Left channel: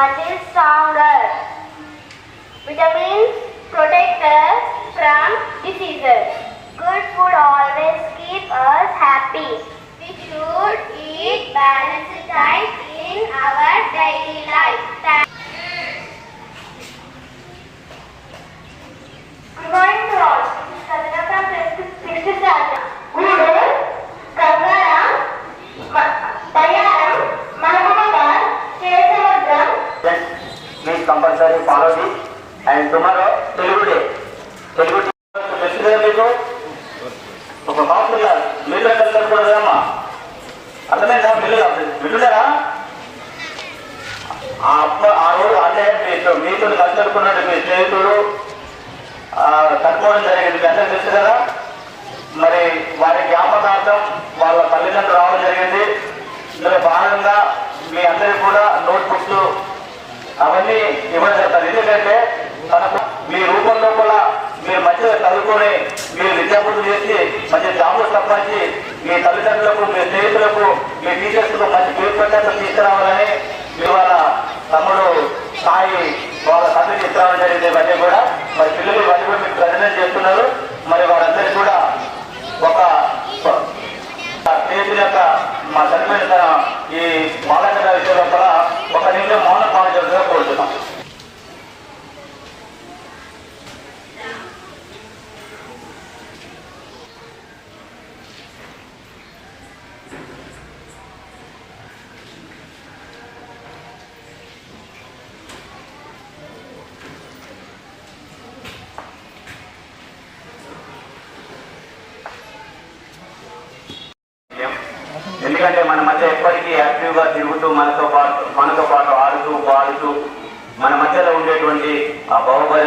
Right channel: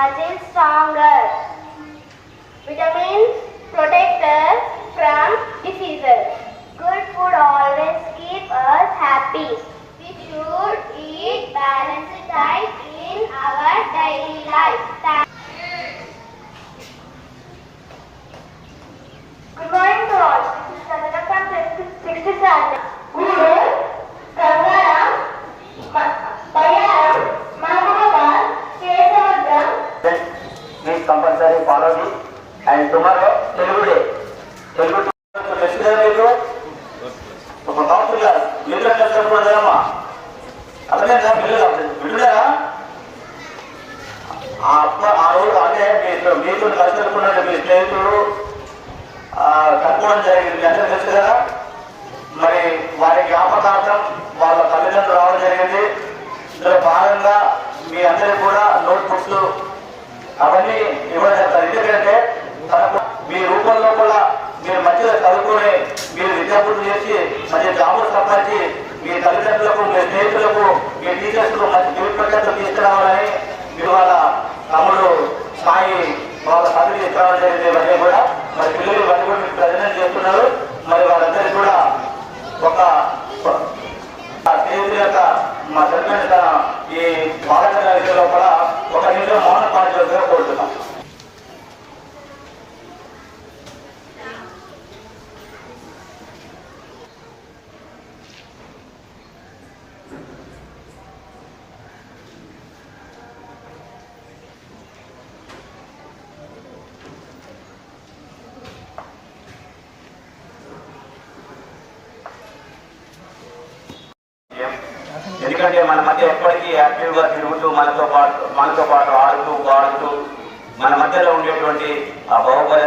muscle stronger. Vitamins protect us from diseases. Good food always keep us happy. We should eat balanced diet in our daily life. Compulsory follow follow and tomorrow Telugu day Telugu మీకు ఒక అర్థమైందా? ఆ? అప్ప ఆ రోజు అంటే మీతో మీకు మీ స్నేహితుడు ఆ, జరిగింది. అంటే తెలుసు కదా? మరి వారి జ్ఞాపకార్థం వాళ్ళ తల్లిదండ్రులు రావడం జరిగింది. ఇందులో భాగంగా మీ అందరికీ కూడా నోట్ బుక్స్ అవన్నీ ఇవ్వడం జరుగుతుంది ఎందుకంటే మీ రూపంలో కూడా మీరు మంచిగా చదువుకొని మీరు విద్యార్థులు చేసి మంచి జాబులు సంపాదించి మీ తల్లిదండ్రులకు మీ స్నేహితులకు మీ టీచర్స్కు మంచి పేరు ప్రఖ్యాతులు తీసుకురావాలి మీరు వాళ్ళ తమ్ముడు సాయి వాళ్ళ తండ్రికి ఇస్తామని జరిగింది ఇవన్నీ కూడా మరి పిల్లలు ఇవన్నీ కూడా మీకు ప్రజలు చేస్తున్నారు మరి వాళ్ళందరికీ కూడా ఒక ఆ స్నేహితుల యొక్క మా చనిపోయిన ఈ బాలకర విషయంలో కూడా ఒక నిమిషం మౌన పాటించడం కోరుతున్నాం ఎందుకంటే మన మధ్య ఎప్పటికీ యాక్టివ్గా తిరుగుతూ మనతో పాటు మనతో పాటు ఆడుతూ పాడుతూ మన మధ్యలో ఉండేటువంటి ఆ బాహుబలి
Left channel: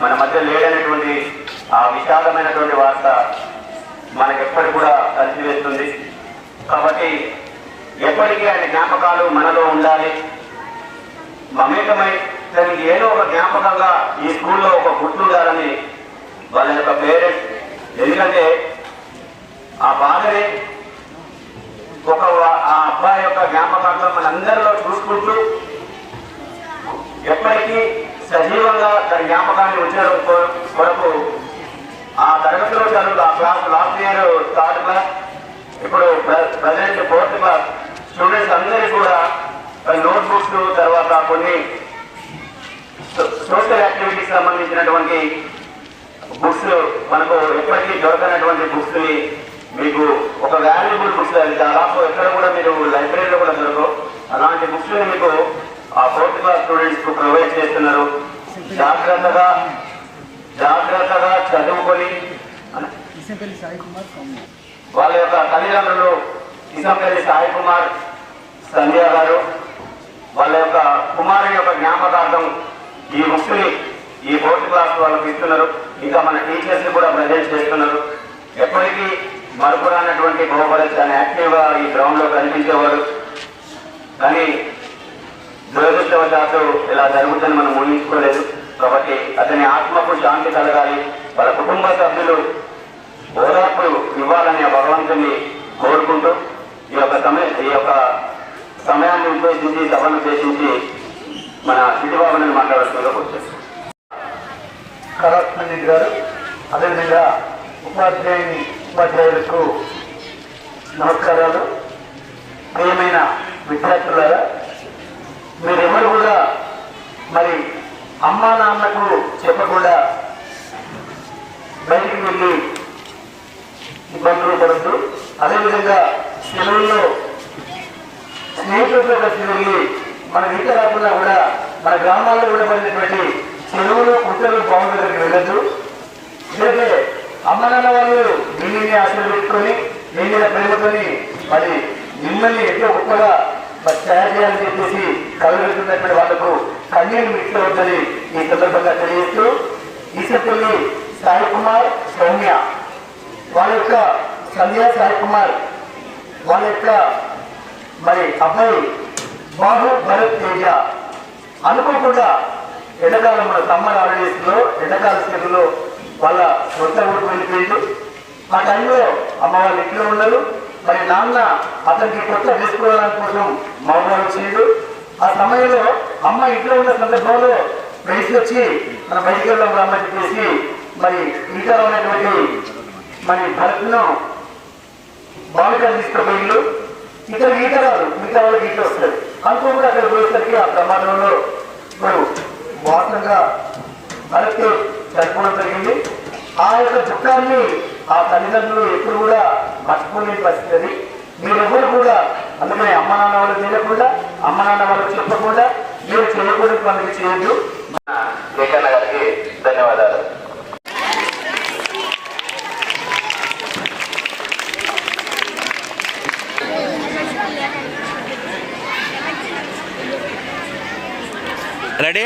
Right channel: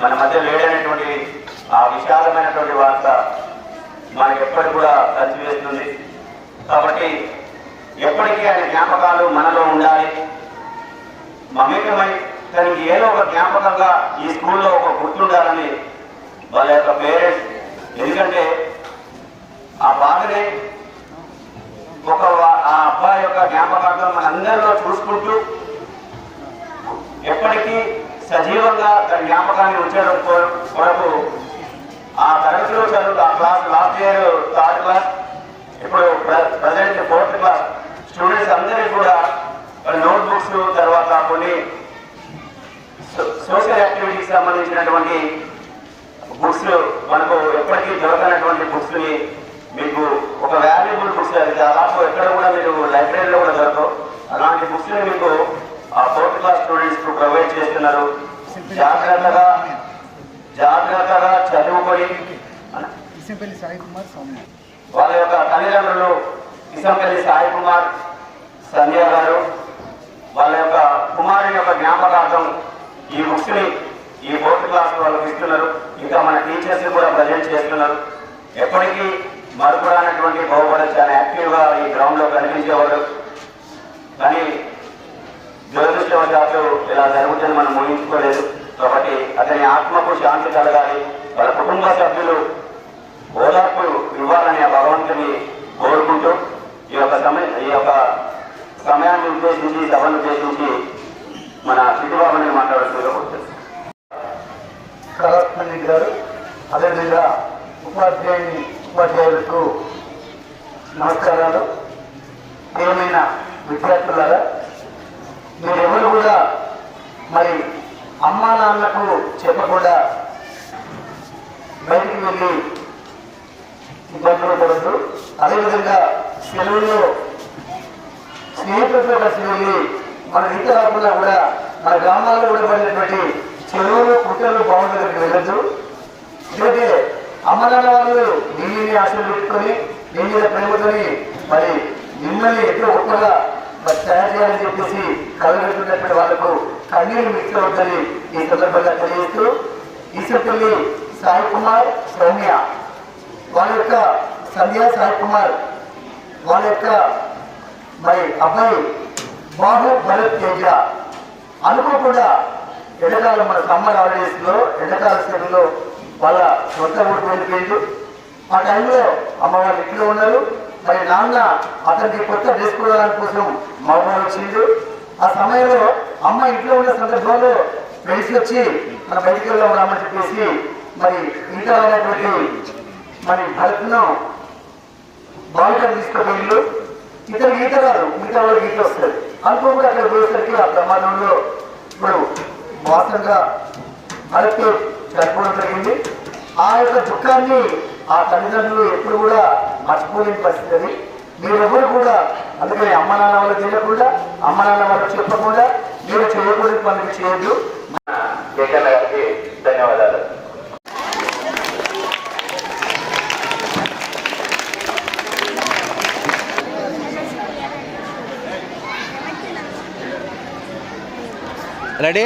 మన మధ్య లేడనేటువంటి ఆ విశాలమైనటువంటి వార్త మనకి ఎప్పటికి కూడా కలిసివేస్తుంది కాబట్టి ఎప్పటికీ ఆయన జ్ఞాపకాలు మనలో ఉండాలి. మమేకమై తనకి ఏదో ఒక జ్ఞాపకంగా ఈ స్కూల్లో ఒక గుర్తుండాలని వాళ్ళ యొక్క పేరెంట్స్. ఎందుకంటే ఆ బాధనే అబ్బాయి యొక్క జ్ఞాపకార్థం మనందరిలో చూసుకుంటూ ఎప్పటికీ సజీవంగా తన జ్ఞాపకాన్ని ఉంచడం కొరకు ఆ తరగతిలో చదువు ఆ class last year third class ఇప్పుడు ప్రజెంట్ ఫోర్త్ క్లాస్ స్టూడెంట్స్ అందరికీ కూడా నోట్బుక్స్ తర్వాత కొన్ని సోషల్ యాక్టివిటీకి సంబంధించినటువంటి బుక్స్ మనకు ఎప్పటికీ దొరకనటువంటి బుక్స్ని మీకు ఒక వాల్యుబుల్ బుక్స్ అది దాదాపు ఎక్కడ కూడా మీరు లైబ్రరీలో దొరకవు అలాంటి బుక్స్ని మీకు ఆ ఫోర్త్ క్లాస్ స్టూడెంట్స్కు ప్రొవైడ్ చేస్తున్నారు. జాగ్రత్తగా జాగ్రత్తగా చదువుకొని సాయి కుమార్ వాళ్ళ యొక్క తల్లిదండ్రులు కిసంపల్లి సాయి కుమార్ సంధ్య గారు వాళ్ళ యొక్క కుమారుడి యొక్క జ్ఞాపకార్థం ఈ బుక్స్ని ఈ ఫోర్త్ క్లాస్ వాళ్ళకి ఇస్తున్నారు. ఇంకా మన టీచర్స్ కూడా ప్రజెంట్ చేస్తున్నారు. ఎప్పటికీ మరపురానటువంటి బాహుబలి చాలా యాక్టివ్గా ఈ గ్రౌండ్లో కనిపించేవారు కానీ దురదృష్టవశాత్తు ఇలా జరుగుతుందని మనం ఊహించుకోలేదు. కాబట్టి అతని ఆత్మకు శాంతి కలగాలి. వాళ్ళ కుటుంబ సభ్యులు ఓదార్పు ఇవ్వాలి ఆ భగవంతుని కోరుకుంటూ ఈ యొక్క సమయం ఈ యొక్క సమయాన్ని ఉద్దేశించి సభను ఉద్దేశించి మన సిద్ధిబాబుని మాట్లాడుతూ వచ్చారు కళాత్మజి గారు అదేవిధంగా ఉపాధ్యాయుని ఉపాధ్యాయులకు నమస్కారాలు. ప్రియమైన విద్యార్థులారా మీరెవరు కూడా మరి అమ్మా నాన్నకు చెప్పకుండా బయటికి వెళ్ళి ఇబ్బందులు పడద్దు. అదేవిధంగా సెలవుల్లో స్నేహితులతో కలిసి వెళ్ళి మన ఇంటి రాకుండా కూడా మన గ్రామాల్లో కూడా పడినటువంటి చెరువులు కుట్టలు బావుల దగ్గరికి వెళ్ళొద్దు. ఎందుకంటే అమ్మనాన్న వాళ్ళు మిమ్మల్ని ఆశలు పెట్టుకొని మీ మీద ప్రేమతోని మరి మిమ్మల్ని ఎట్లా ఒక్కగా తయారు చేయాలని చెప్పేసి కలగలుగుతున్నటువంటి వాళ్ళకు కన్నీరు మిక్స్ అవుతుంది ఈ సందర్భంగా తెలియజేస్తూ ఈసపల్లి సాయి కుమార్ సౌమ్య వాళ్ళ యొక్క సంధ్య సాయి కుమార్ వాళ్ళ యొక్క మరి అబ్బాయి బాహు భరత్ తేజ. అనుకోకుండా ఎండకాలం మన సమ్మర్ హాలిడేస్లో సెలవులో వాళ్ళ సొంత ఊరికి వెళ్ళిపోయింది ఆ టైంలో అమ్మ వాళ్ళు ఇంట్లో ఉన్నారు మరి నాన్న అతనికి కొత్త డ్రెస్ కోవడానికి కోసం మౌనం ఇచ్చిండు ఆ సమయంలో అమ్మ ఇంట్లో ఉన్న సందర్భంలో వయసు వచ్చి మన బయటికి వెళ్దాం రమ్మని చెప్పేసి మరి ఇంకా ఉన్నటువంటి మరి భరత్ను బాలికలు తీసుకుపోయిండు. ఇతను ఈత రాదు మిగతా వాళ్ళకి ఈత వస్తుంది అనుకోకుండా అక్కడ పోయేసరికి ఆ ప్రమాదంలో ఇప్పుడు వాసంగా భరత్ జరపడం జరిగింది ఆ యొక్క దుఃఖాన్ని ఆ తల్లిదండ్రులు ఎప్పుడు కూడా మర్చిపోలేని పరిస్థితి అది. మీరెవరు కూడా అందుకని అమ్మ నాన్న వాళ్ళు తెలియకుండా అమ్మ నాన్న వాళ్ళు చెప్పకుండా మీరు చేయకూడదు పనులు చేయొద్దు. లేఖన్న గారికి ధన్యవాదాలు. రెడీ?